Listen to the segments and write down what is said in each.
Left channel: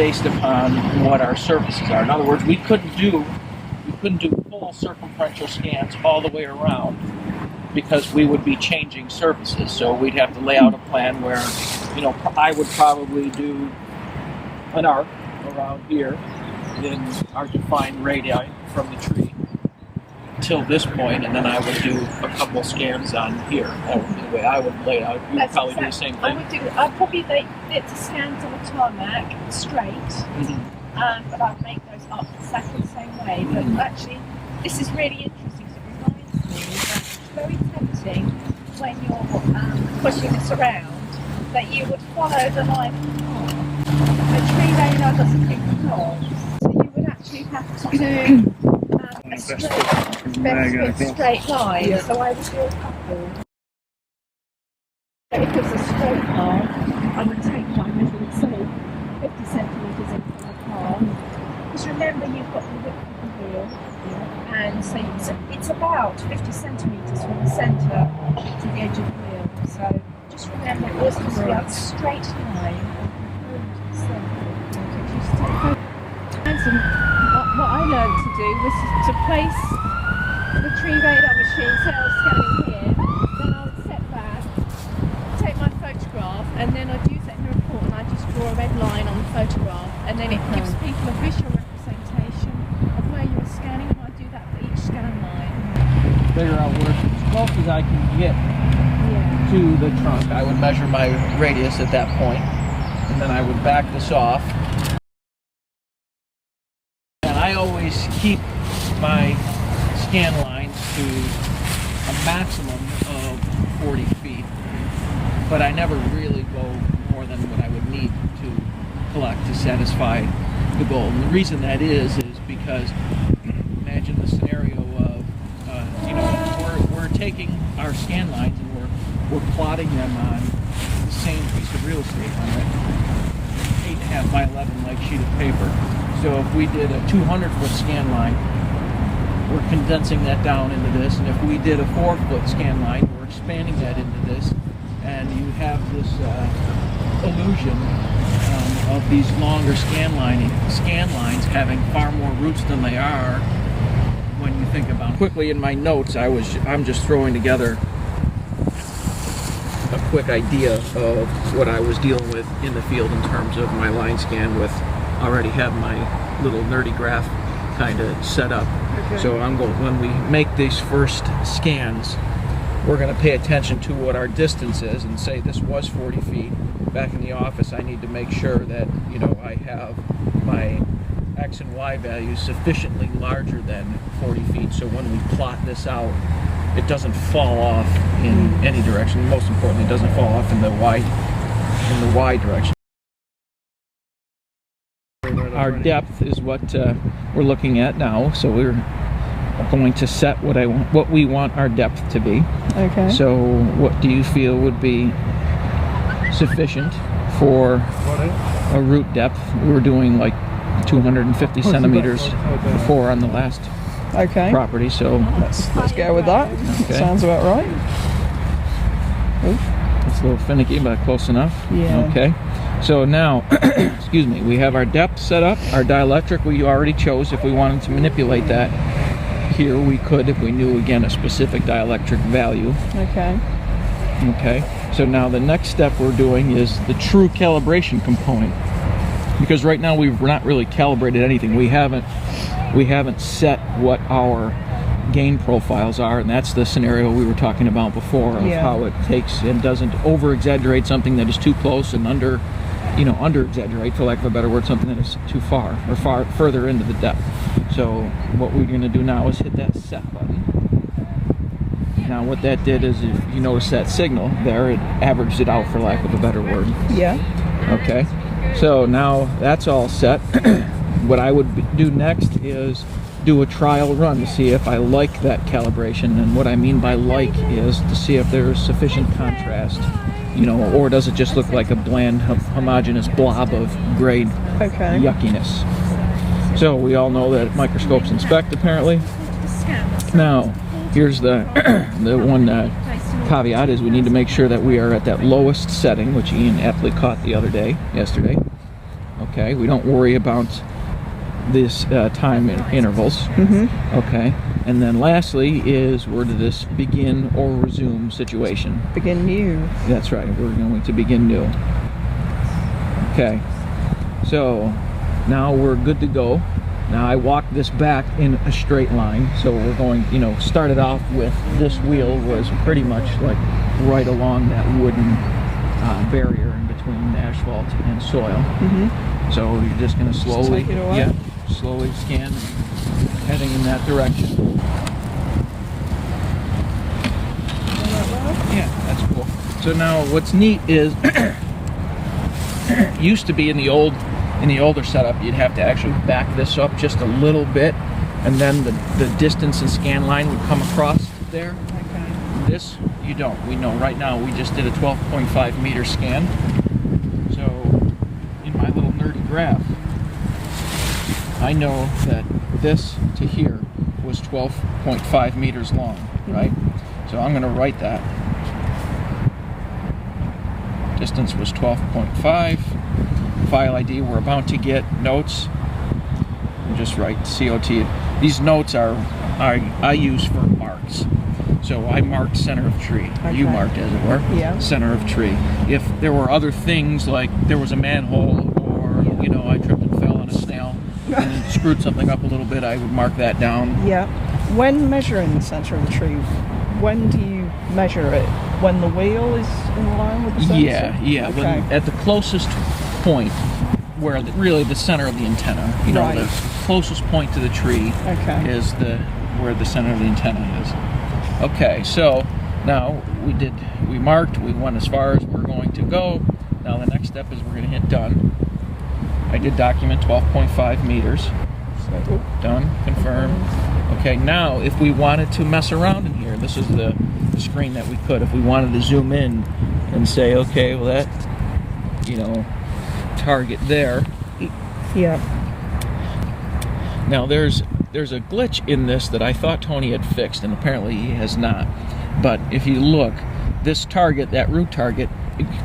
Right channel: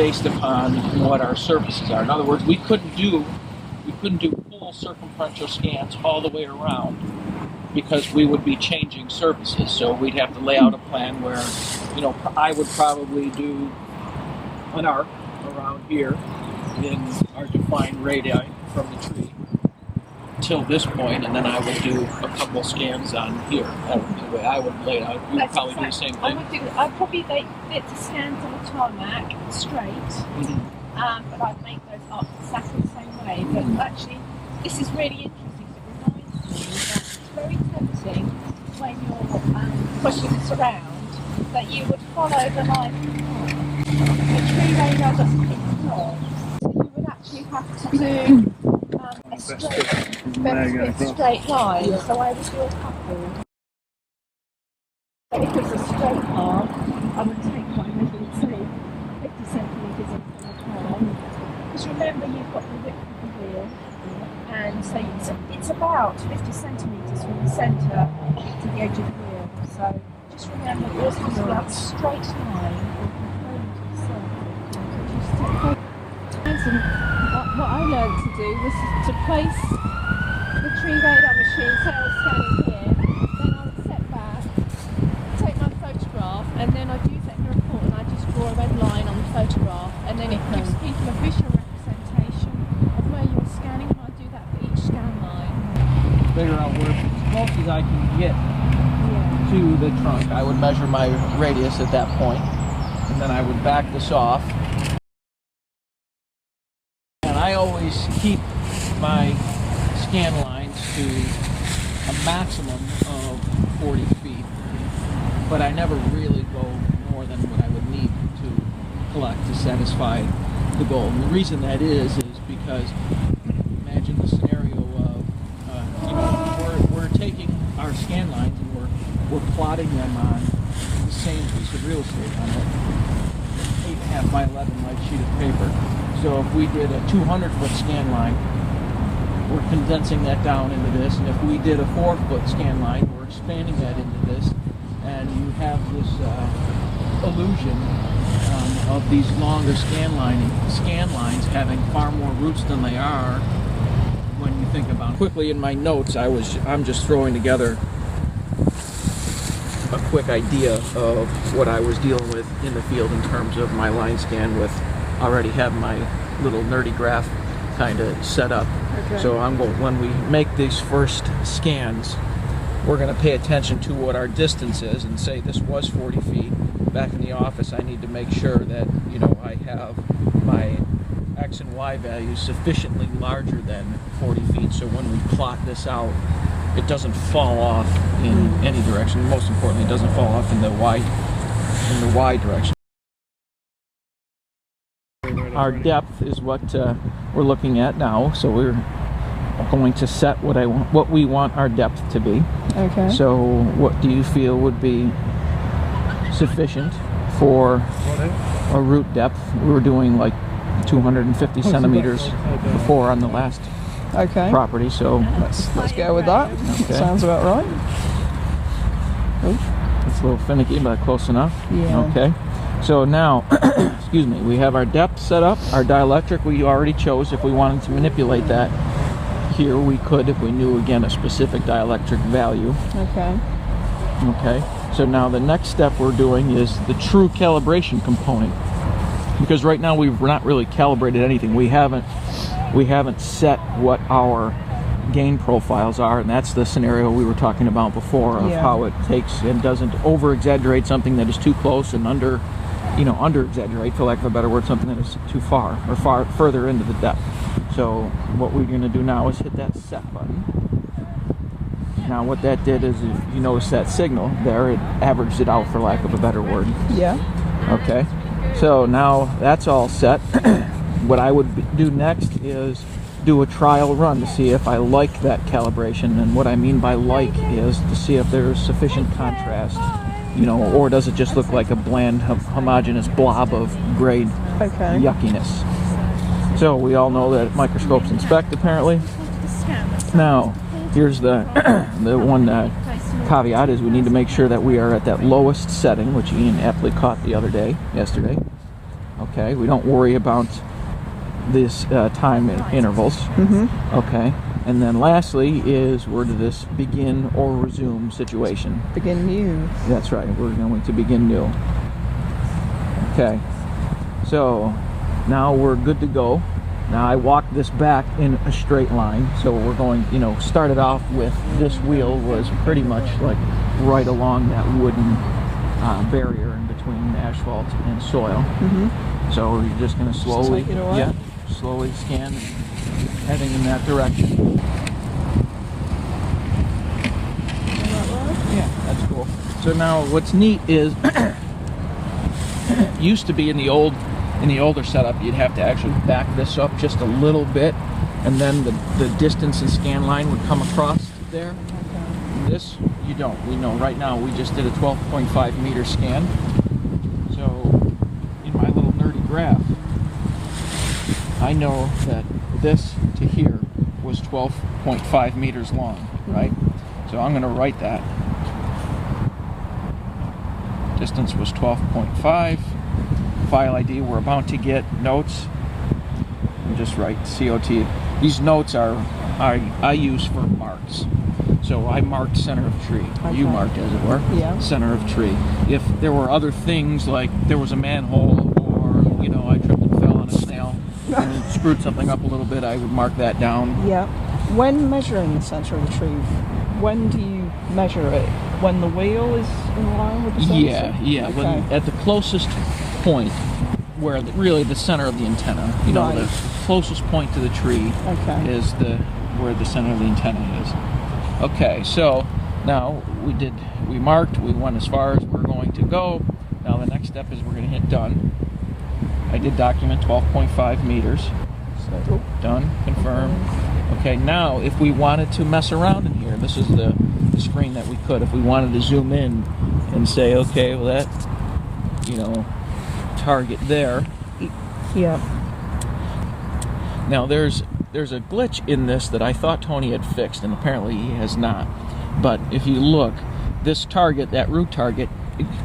based upon what our surfaces are. In other words, we couldn't do full circumferential scans all the way around because we would be changing surfaces. So we'd have to lay out a plan where, I would probably do an arc around here in our defined radii from the tree till this point, and then I would do a couple scans on here. That would be the way I would lay it out. You would probably do the same thing. I'd probably lay it to scans on the tarmac straight, but I'd make those up exactly the same way. But actually, this is really interesting because it reminds me that it's very tempting when you're pushing this around that you would follow the line of the path. The tree radar doesn't pick the path, so you would actually have to do a straight line. Yeah. So I would do a couple. If it was a straight path, I would take my measurement, say 50 centimetres in from the path. Because remember, you've got the width of the wheel, and so it's about 50 centimetres from the centre to the edge of the wheel. So just remember, it was supposed to be a straight line. What I learned to do was to place the tree radar machine, say I was scanning here, then I would set back, take my photograph, and then I'd use it in the report and I'd just draw a red line on the photograph, and then it gives people a visual representation of where you were scanning, and I do that for each scan line. Figure out where as close as I can get to the trunk. I would measure my radius at that point, and then I would back this off. I always keep my scan lines to a maximum of 40 feet, but I never really go more than what I would need to collect to satisfy the goal. And the reason that is because imagine the scenario of, we're taking our scan lines and we're plotting them on the same piece of real estate on an 8.5 by 11 like sheet of paper. So if we did a 200-foot scan line, we're condensing that down into this. And if we did a 4-foot scan line, we're expanding that into this. And you have this illusion of these longer scan lines having far more roots than they are when you think about it. Quickly in my notes, I'm just throwing together a quick idea of what I was dealing with in the field in terms of my line scan with. Already have my little nerdy graph kind of set up. Okay. So when we make these first scans, we're going to pay attention to what our distance is and say this was 40 feet. Back in the office, I need to make sure that I have my X and Y values sufficiently larger than 40 feet. So when we plot this out, it doesn't fall off in any direction. Most importantly, it doesn't fall off in the Y direction. Our depth is what we're looking at now, so we're going to set what we want our depth to be. Okay. So what do you feel would be sufficient for a root depth? We were doing like 250 centimeters before on the last property, so let's go with that. Okay. Sounds about right. It's a little finicky, but close enough. Yeah. Okay. So now, excuse me, we have our depth set up. Our dielectric we already chose. If we wanted to manipulate that here, we could if we knew, again, a specific dielectric value. Okay. Okay. So now the next step we're doing is the true calibration component. Because right now we're not really calibrated anything. We haven't set what our gain profiles are, and that's the scenario we were talking about before of how it takes and doesn't over-exaggerate something that is too close and under-exaggerate, for lack of a better word, something that is too far or further into the depth. So what we're going to do now is hit that set button. Now what that did is, if you notice that signal there, it averaged it out, for lack of a better word. Yeah. Okay. So now that's all set. What I would do next is do a trial run to see if I like that calibration, and what I mean by like is to see if there's sufficient contrast, or does it just look like a bland, homogeneous blob of gray yuckiness. So we all know that microscopes inspect, apparently. Now, here's the one caveat is we need to make sure that we are at that lowest setting, which Ian aptly caught yesterday. Okay, we don't worry about this time intervals. Okay, and then lastly is we're to this begin or resume situation. Begin new. That's right, we're going to begin new. Okay, so now we're good to go. Now I walked this back in a straight line, so we're going, started off with this wheel was pretty much like right along that wooden barrier in between asphalt and soil. So you're just going to slowly, take it away. Slowly scan, heading in that direction. Yeah, that's cool. So now what's neat is, used to be in the older setup, you'd have to actually back this up just a little bit, and then the distance and scan line would come across there. Okay. This, you don't. We know right now we just did a 12.5 meter scan. So in my little nerdy graph, I know that this to here was 12.5 meters long, right? So I'm going to write that. Distance was 12.5. File ID, we're about to get notes. Just write COT. These notes I use for marks. So I marked center of tree. Okay. You marked, as it were, center of tree. If there were other things, like there was a manhole, or I tripped and fell on a snail and screwed something up a little bit, I would mark that down. Yeah. When measuring the center of the tree, when do you measure it? When the wheel is in line with the sensor? Yeah. Okay. When, at the closest point, where really the center of the antenna, Right. the closest point to the tree Okay. is where the center of the antenna is. Okay, so now we marked, we went as far as we're going to go. Now the next step is we're going to hit done. I did document 12.5 meters. So done, confirm. Okay, now if we wanted to mess around in here, this is the screen that we could. If we wanted to zoom in and say, okay, well that, target there. Yeah. Now there's a glitch in this that I thought Tony had fixed, and apparently he has not. But if you look, this target, that root target,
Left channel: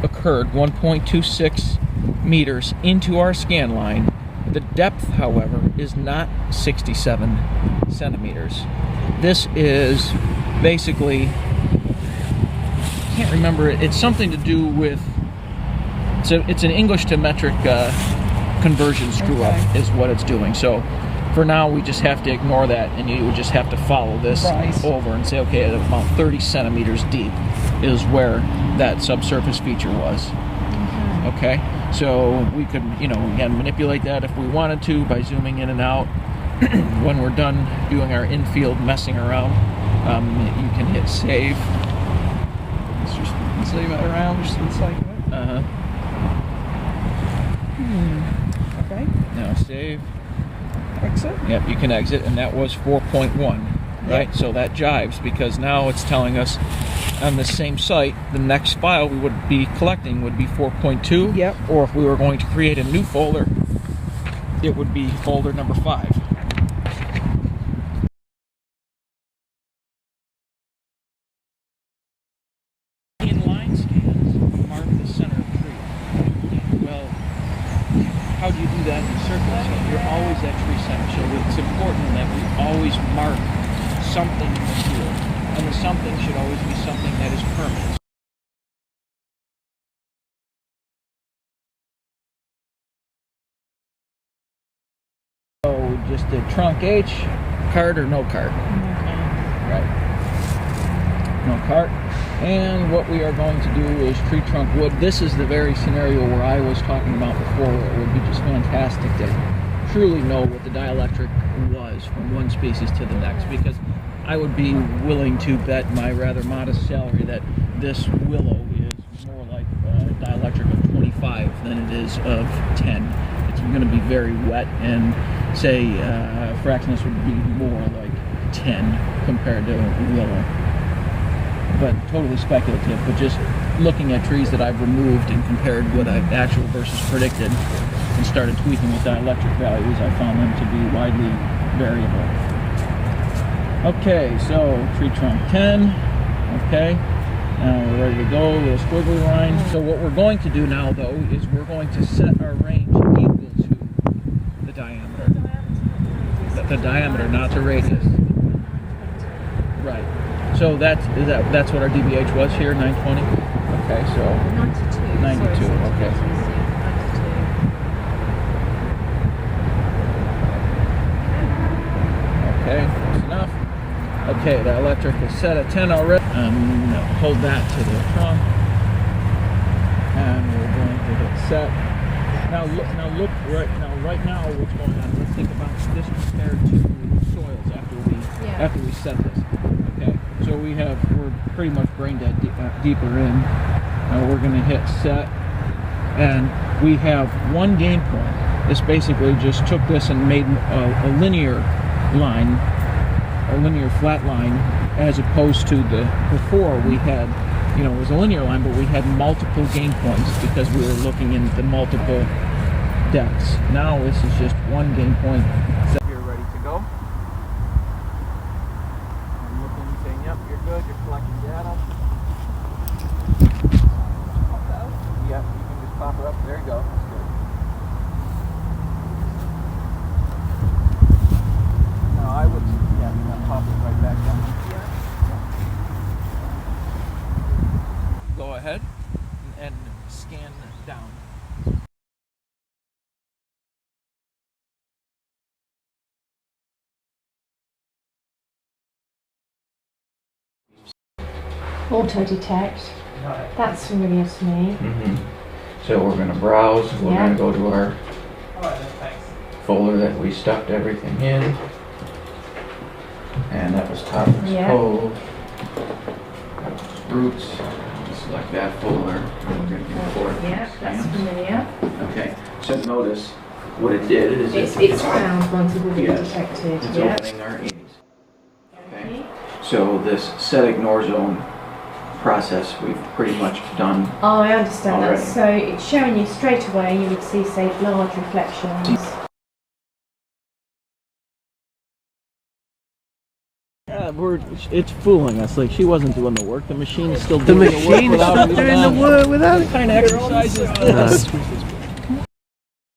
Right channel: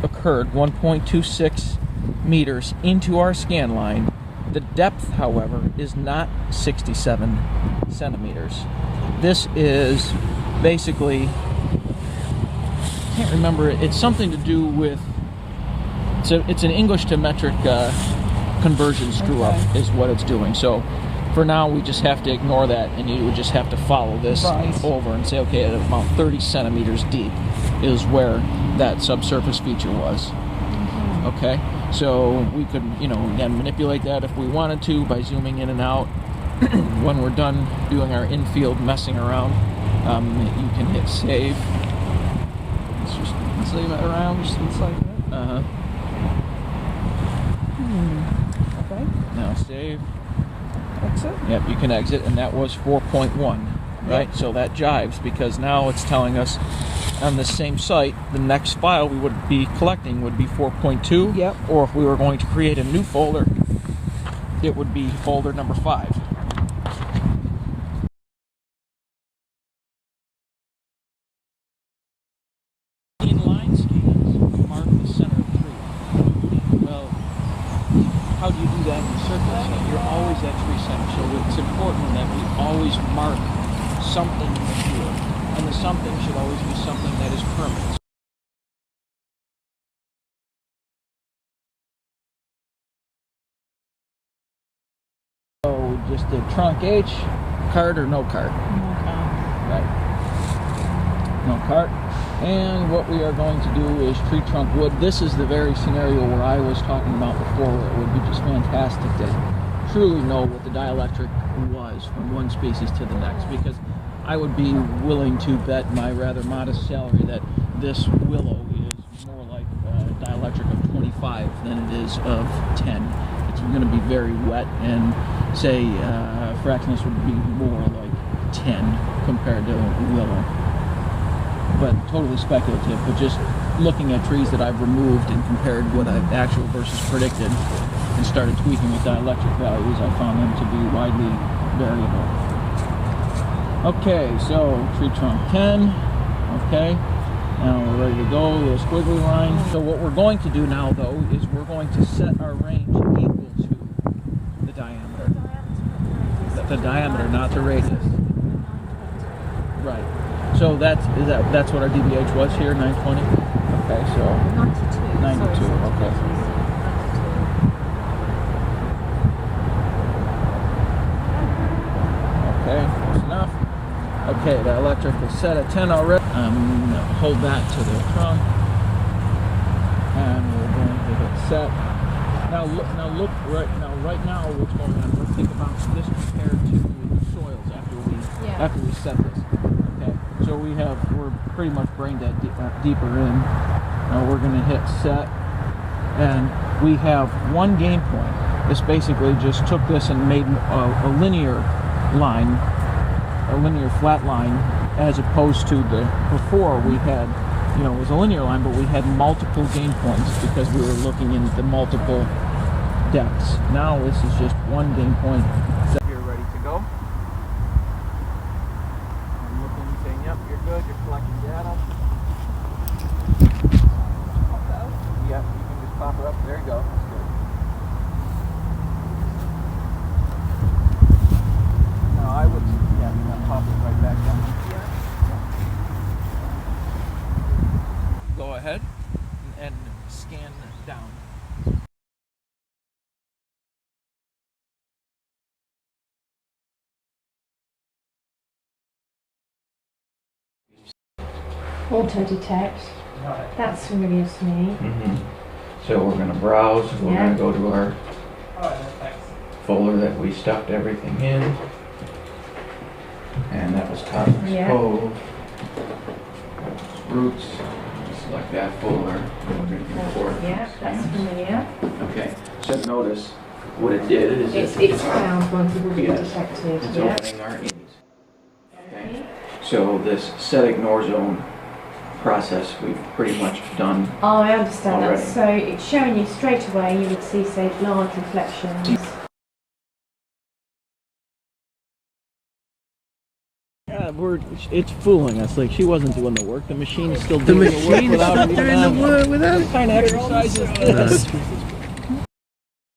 occurred 1.26 meters into our scan line. The depth, however, is not 67 centimeters. This is basically, I can't remember it. It's something to do with, it's an English to metric conversion screw up is what it's doing. So for now, we just have to ignore that, and you would just have to follow this over and say, okay, at about 30 centimeters deep is where that subsurface feature was. Okay, so we could, again, manipulate that if we wanted to by zooming in and out. When we're done doing our infield messing around, you can hit save. Let's just zoom it around just for the sake of it. Okay. Now save. Exit. Yep, you can exit, and that was 4.1, right? Yep. So that jives, because now it's telling us on the same site, the next file we would be collecting would be 4.2. Yep. Or if we were going to create a new folder, it would be folder number 5. Inline scans mark the center of tree. Well, how do you do that in circles? You're always at tree center, so it's important that we always mark something in the field, and the something should always be something that is permanent. So we just did trunk H, cart or no cart. Right. No cart. And what we are going to do is tree trunk wood. This is the very scenario where I was talking about before, where it would be just fantastic to truly know what the dielectric was from one species to the next, because I would be willing to bet my rather modest salary that this willow is more like a dielectric of 25 than it is of 10. It's going to be very wet, and say Fraxinus would be more like 10 compared to willow. But totally speculative, but just looking at trees that I've removed and compared what I actual versus predicted and started tweaking with dielectric values, I found them to be widely variable. Okay, so tree trunk 10, okay, now we're ready to go, little squiggly line. So what we're going to do now, though, is we're going to set our range equals the diameter, not the radius. Right. So that's what our DBH was here, 920. Okay, so 92. 92. Sorry, Okay. 92. Okay, that's enough. Okay, the electric is set at 10 already. Hold that to the trunk, and we're going to hit set. Now look right now what's going on. Let's think about this compared to soils after we set this. Okay, so we're pretty much brain dead deeper in. Now we're going to hit set, and we have one gain point. This basically just took this and made a linear line, a linear flat line, as opposed to before we had, it was a linear line, but we had multiple gain points because we were looking into multiple depths. Now this is just one gain point. So you're ready to go. I'm looking and saying, yep, you're good, you're collecting data. Yep, you can just pop her up. There you go. That's good. Now I would, pop it right back down. Go ahead and scan down. Auto detect. That's familiar to me. So we're going to browse. We're Yeah. going to go to our folder that we stuffed everything in. And that was Toppers Yeah. Cove. That was Roots. Select that folder. And we're going to import Yeah, that's stamps. familiar. Okay. So notice what it did is It's found once it will be Yes. detected. it's Yeah. opening our ease. Okay. So this set ignore zone process we've pretty much done. Oh, I understand Already. that. So it's showing you straight away. You would see, say, large reflections. It's fooling us. Like, she wasn't doing the work. The machine is still The doing the work machine is without still her doing even the on. work without it. What kind of exercise is this?